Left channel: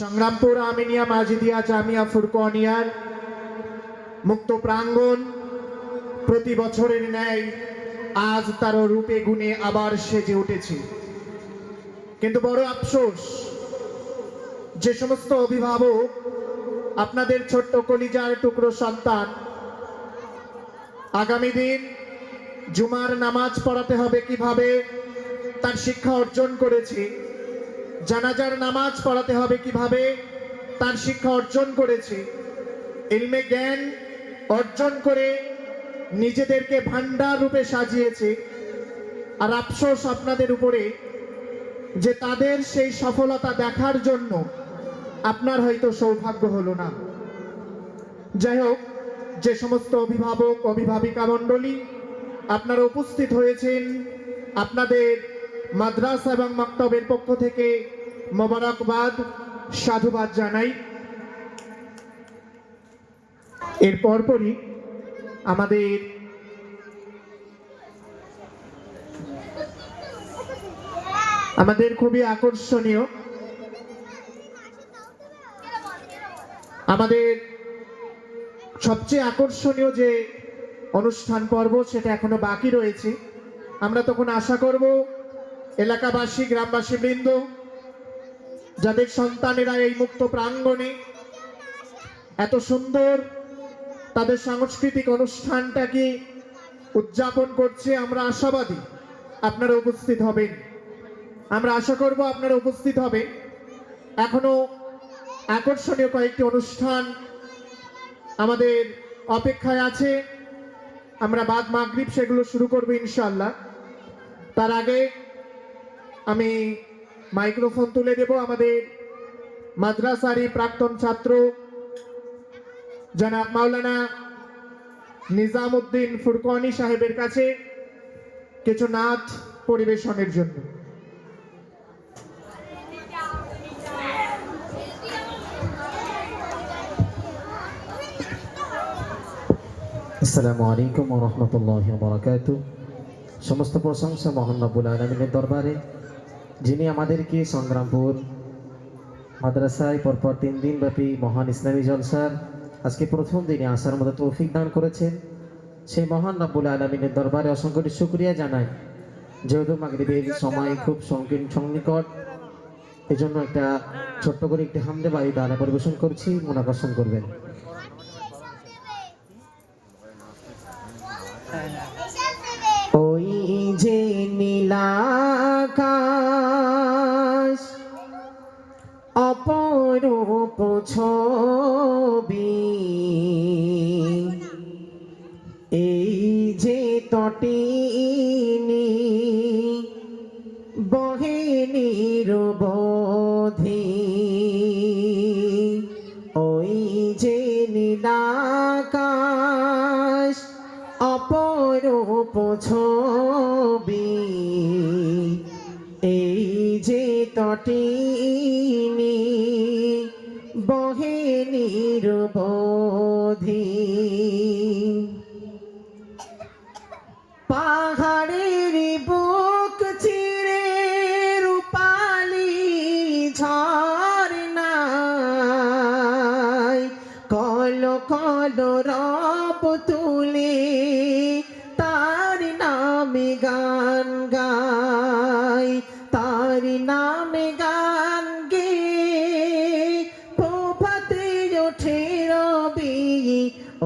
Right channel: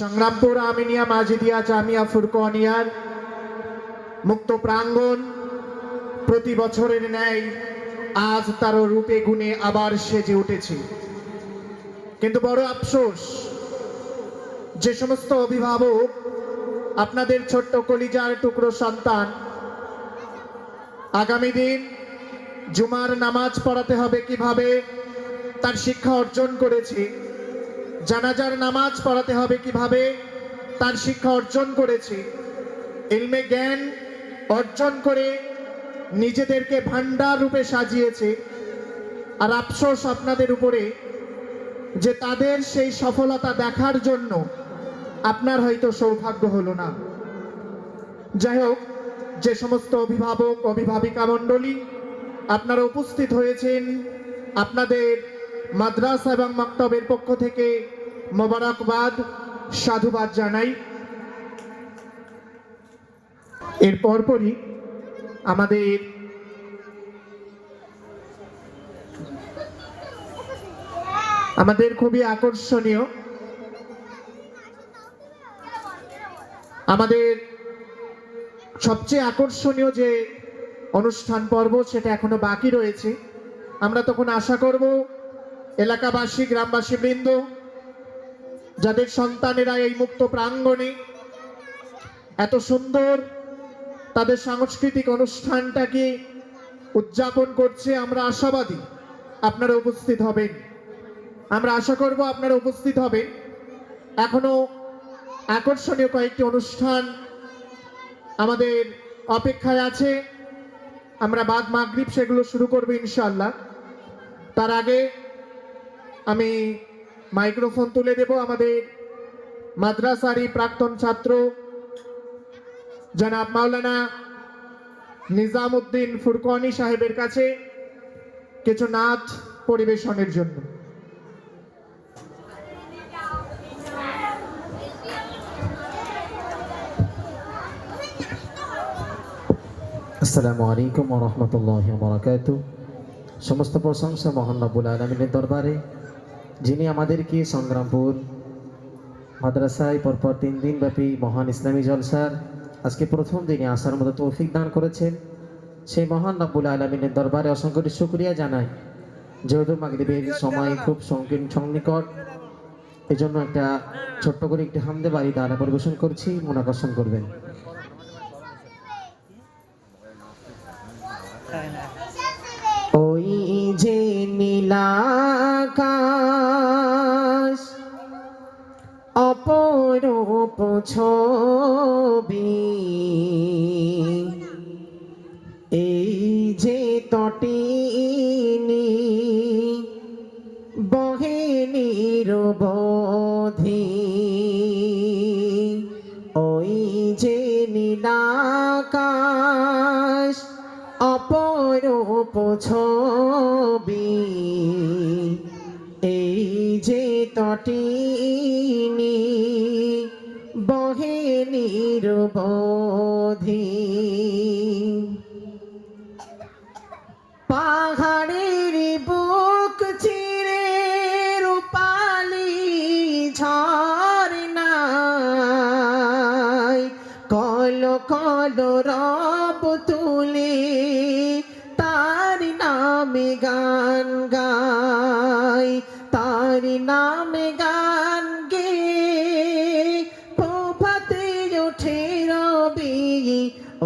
সংগ্রামপুর আমিনিয়া মাজিদিয়া জামিয়া ফুরকানিয়ার মুক্ত প্রাঙ্গণ প্রতি বছরের ন্যায় আজ তার রূপে গুণে আবার সেজে উঠেছে। কিন্তু বড় আফসোস, যে সমস্ত অভিভাবক আপনাদের ছোট্ট কলিজার টুকরো সন্তান আগামী দিন জুমার নামাজ পড়াতে হবে কিভাবে তার শিক্ষা অর্জন করেছে, জানাজার নামাজ পড়াতে হবে কিভাবে তার শিক্ষা অর্জন করেছে, ইলমে জ্ঞান অর্জন করে নিজেদেরকে ভান্ডার রূপে সাজিয়েছে। আর আফসোস আপনাদের উপরে যে তাদের সেই সফলতা দেখার জন্য আপনার হয়তো সৌভাগ্য হলো না। যাই হোক, যে সমস্ত অভিভাবক অভিভাবিকা মণ্ডলী আপনারা উপস্থিত হয়েছেন, আপনাদের মাদ্রাসা এবং মাকতাবের পক্ষ থেকে মোবারকবাদ, সাধুবাদ জানাই। এর পরপরই আমাদের খুবই আকর্ষণীয় আমাদের সবচেয়ে আকর্ষণীয় যে অনুষ্ঠান পর্ব সেটা এখনো বাকি রয়েছে। আমরা তখন আশা করব এলাকাবাসী গ্রামবাসী বৃন্দ যাদের সন্তানেরা এই মুক্ত প্রাঙ্গণে এত সুন্দর তাদের সাংস্কৃতিক অনুষ্ঠানটাকে উদযাপন করছে, আমরা আশাবাদী আপনারা উপস্থিত হবেন। আমরা আশা করব আপনারা উপস্থিত হবেন। এখনো আকর্ষণীয় কয়েকটি অনুষ্ঠান আমাদের অপেক্ষায় আছে। আমরা বাদ মাগরিব সেগুলো শুরু করব ইনশাআল্লাহ। তার আগে আমি মাইক্রোফোন তুলে দেব আমাদের মাদ্রাসারই প্রাক্তন ছাত্র জনাব মাওলানা নিজামউদ্দিন ফুরকানি সাহেবের কাছে কিছু নাত পরিবেশনের জন্য। আসসালামু আলাইকুম ওয়া রাহমাতুল্লাহি ওয়া বারাকাতুহু। সমস্ত প্রশংসা মহান রব্বুল আলামিনের দরবারে, যিনি আমাদেরকে সংগ্রামপুর মাদ্রাসায় পরপর 3 দিন ব্যাপী মহান ইসলামী জলসার আজকে প্রথম দিনে আসার মতো তৌফিক দান করেছেন। সেই মহান রব্বুল আলামিনের দরবারে অসংখ্য শুকরিয়া জানাই। যেহেতু মাগরিবের সময় খুব সন্নিকট, এজন্য একটা ছোট্ট করে একটি হামদে বাড়ি দানা পরিবেশন করছি, মন আকর্ষণ করবেন। ওই যে নীলাকাশ অপরূপ ছবি, এই যে তটিনী বহে নিরবধি, ওই যে নীলাকাশ অপরূপ ছবি, এই যে তটিনী বহে নিরবধি, পাহাড়ের বুক চিরে রূপালি ঝরনায় কল কল রব তুলে তার নামে গান গায়, তার নামে গান গে প্রভাতে ওঠে রবি,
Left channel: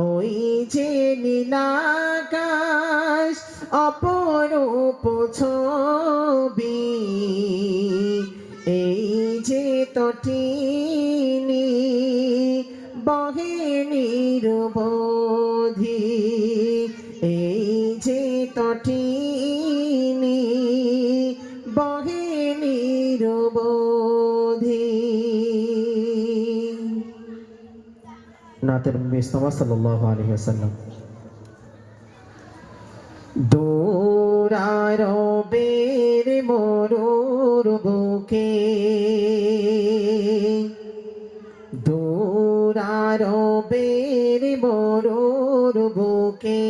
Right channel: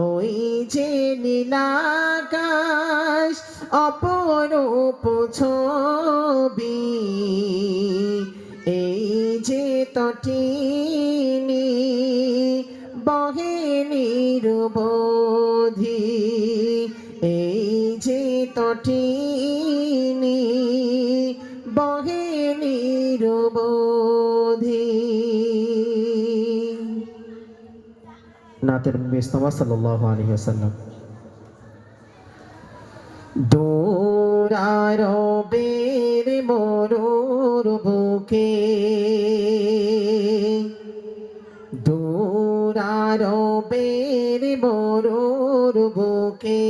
ওই যে নীলাকাশ অপরূপ ছবি, এই যে তটিনী বহে নিরবধি, এই যে তটিনী বহে নিরবধি। নাতের মুস্তাফা সাল্লাল্লাহু আলাইহি ওয়াসাল্লাম। দূরারবের মরুর বুকে, দূরারবের মরুর বুকে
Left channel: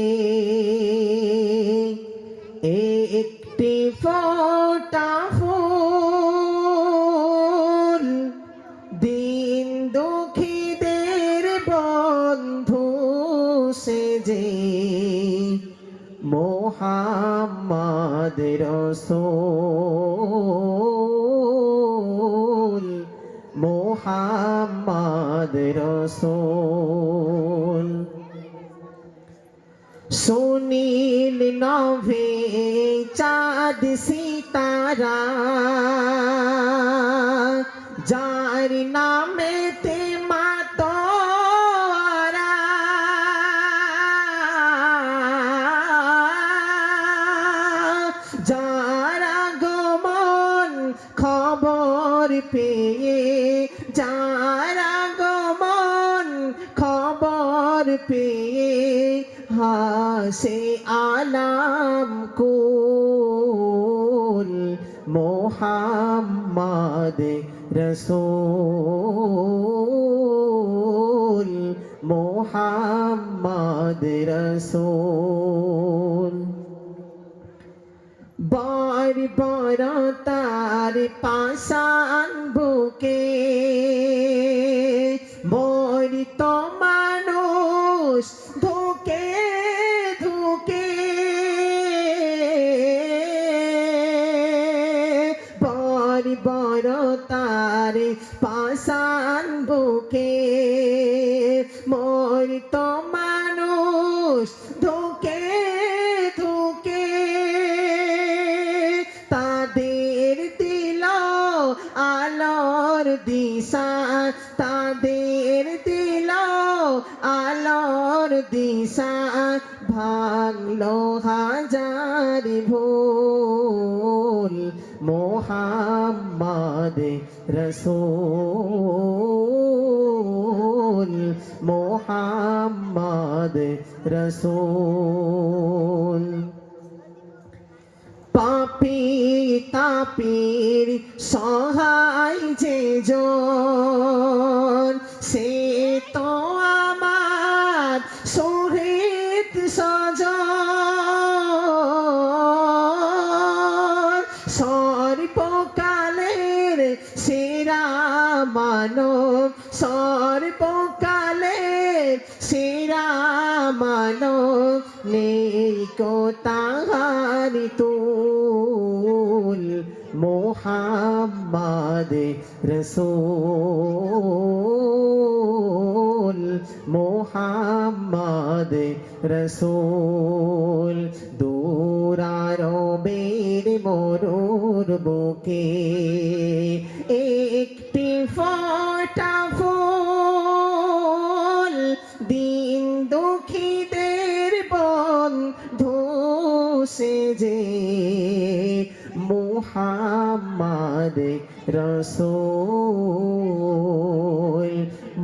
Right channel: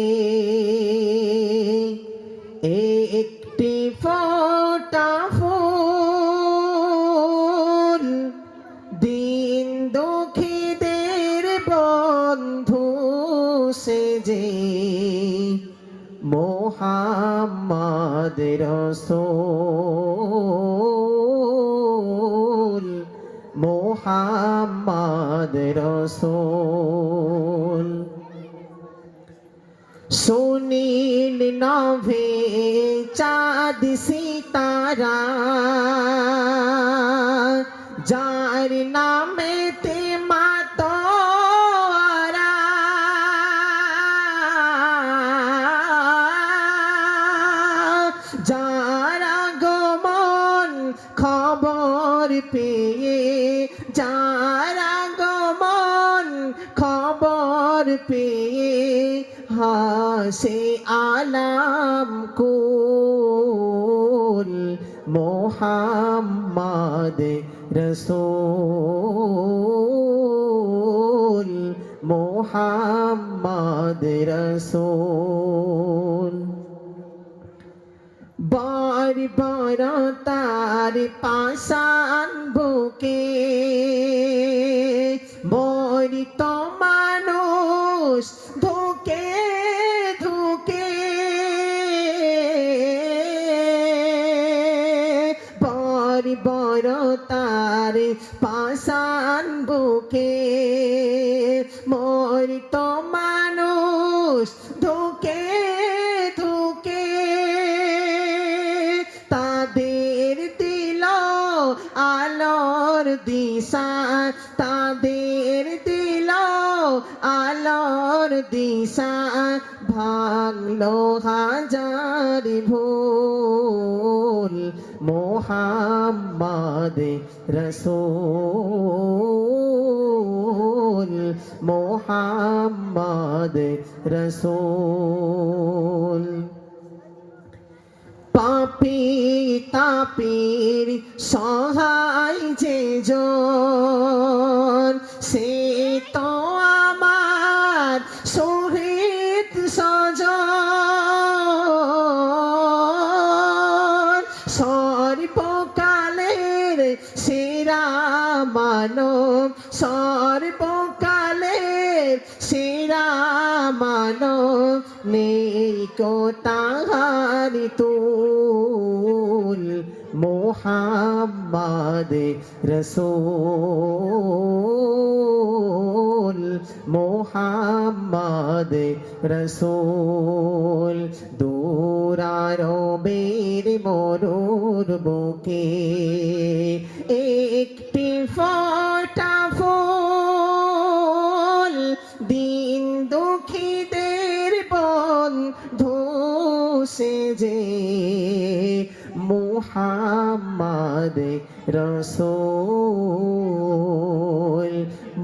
একটি ফোঁটা ফুল দিয়ে দুঃখীদের বন্ধু সেজে মোহাম্মদ রসূল মোহাম্মদ রসূল সুনীল নভে চাঁদ সিতারা যার নামেতে মাতোয়ারা যার আগমন খবর পেয়ে যার আগমন খবর পেয়ে হাসে আলাম কুল মোহাম্মদ রসূল মোহাম্মদ রসূল বার বার তার পাশান বুকে মরিত মানুষ ধুকে ধুকে বার বার তার পাশান বুকে মরিত মানুষ ধুকে ধুকে তাদের দিল আলোর দিশা তাদের দিল আলোর দিশা ভাঙলো হাজার ভুল মোহাম্মদ রসূল মোহাম্মদ রসূল পাপি তাপির সহায় যে জন সে তো আমার শহীদ সজন সর্বকালের সেরা মানব সর্বকালের সেরা মানব নেই কো তাহার তুল মোহাম্মদ রসূল মোহাম্মদ রসূল দূরারবের মরুর বুকে একটি ফোঁটা ফুল দিন দুঃখীদের বন্ধু সেজে মোহাম্মদ রসূল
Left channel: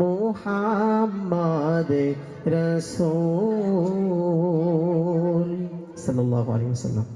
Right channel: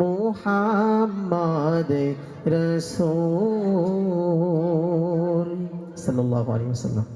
মোহাম্মদ রসূল সাল্লাল্লাহু আলাইহি ওয়াসাল্লাম।